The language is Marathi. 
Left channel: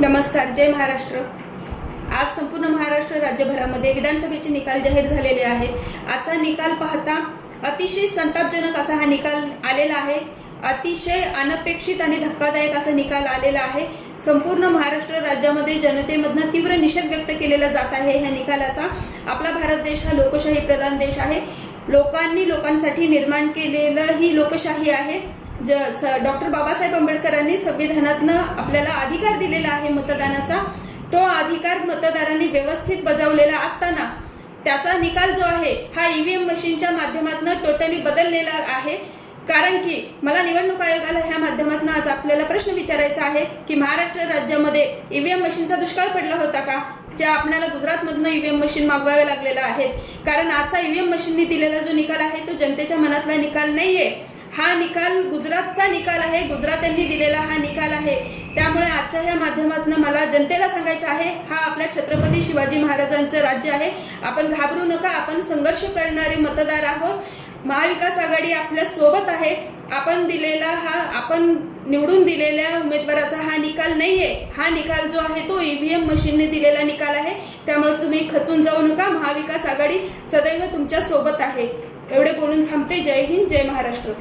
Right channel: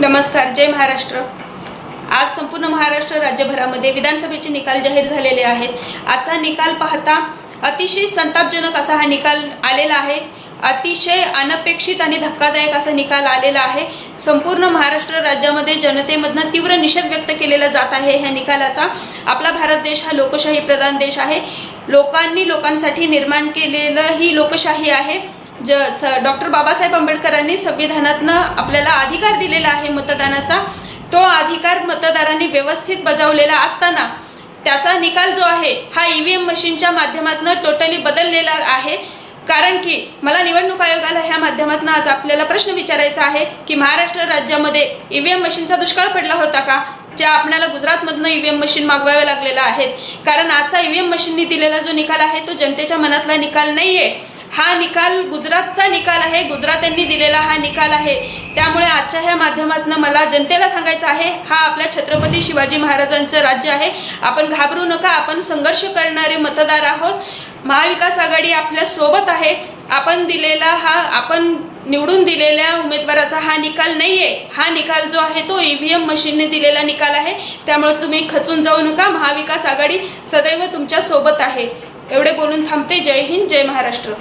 नमस्कार जय महाराष्ट्र. आज संपूर्ण महाराष्ट्र राज्यभरामध्ये विधानसभेचे निकाल जाहीर झालेले आहेत. आजचा निकाल पाहता अतिशय संतापजनक असा हा निकाल आलेला आहे. अतिशय अनपेक्षित आणि धक्कादायक असा निकाल आलेला आहे. संपूर्ण महाराष्ट्र राज्यामध्ये जनतेमधनं तीव्र निषेध व्यक्त केलेला जात आहे. ह्या निकालाचा आपला भारत देश हा लोकशाही प्रधान देश आहे. लोकांनी लोकांसाठी निर्माण केलेलं ही लोकशाही आहे. ज स डॉक्टर बाबासाहेब आंबेडकरांनी संविधानातनं आपल्याला अधिकार दिलेला आहे मतदानाचा. तो अधिकार मतदारांनी व्यवस्थित बजावलेला असताना त्याचा निकाल जो आहे हा ई व्ही एम मशीनच्या माध्यमातून टोटली बदललेला आहे. कारण की मला निवडणूक आयोगाला ह्या माध्यमातून आज आपल्याला प्रश्न विचारायचा आहे की महाराष्ट्र राज्यामध्ये ई व्ही एम मशीनचा दुष्काळ पडला होता का? ज्या आपल्याला गुजरातमधनं ई व्ही एम मशीन मागवाव्या लागलेल्या आहेत. कारण आजचा ई व्ही एम मशीननी दिलेला जो निकाल आहे तो जनतेच्या मनातला निकाल नाही आहे हा निकाल गुजरातचा निकाल आहे गुजरात्यांनी दिलेला हा निकाल आहे. त्यामुळे आजच्या ह्या माध्यमातून मला जनतेला सांगायचं आहे हा आपल्या छत्रपती शिवाजी महाराजांचं राज्य आहे. आपण घाबरू नका आपण संघर्ष करणारे मतदार आहोत. महाविकास आघाडी आपल्यासोबत आहे. आपण दिलेला हा आपण निवडून दिलेल्या उमेदवाराचा हा निकाल नाही आहे हा निकाल जो आहे तो ई व्ही एम मशीनने दिलेला निकाल आहे. त्यामुळे तुम्ही खचून जाऊ नका. महाविकास आघाडी सदैव तुमच्यासोबत आहे. एवढे बोलून थांबते. जय हिंद जय महाराष्ट्र.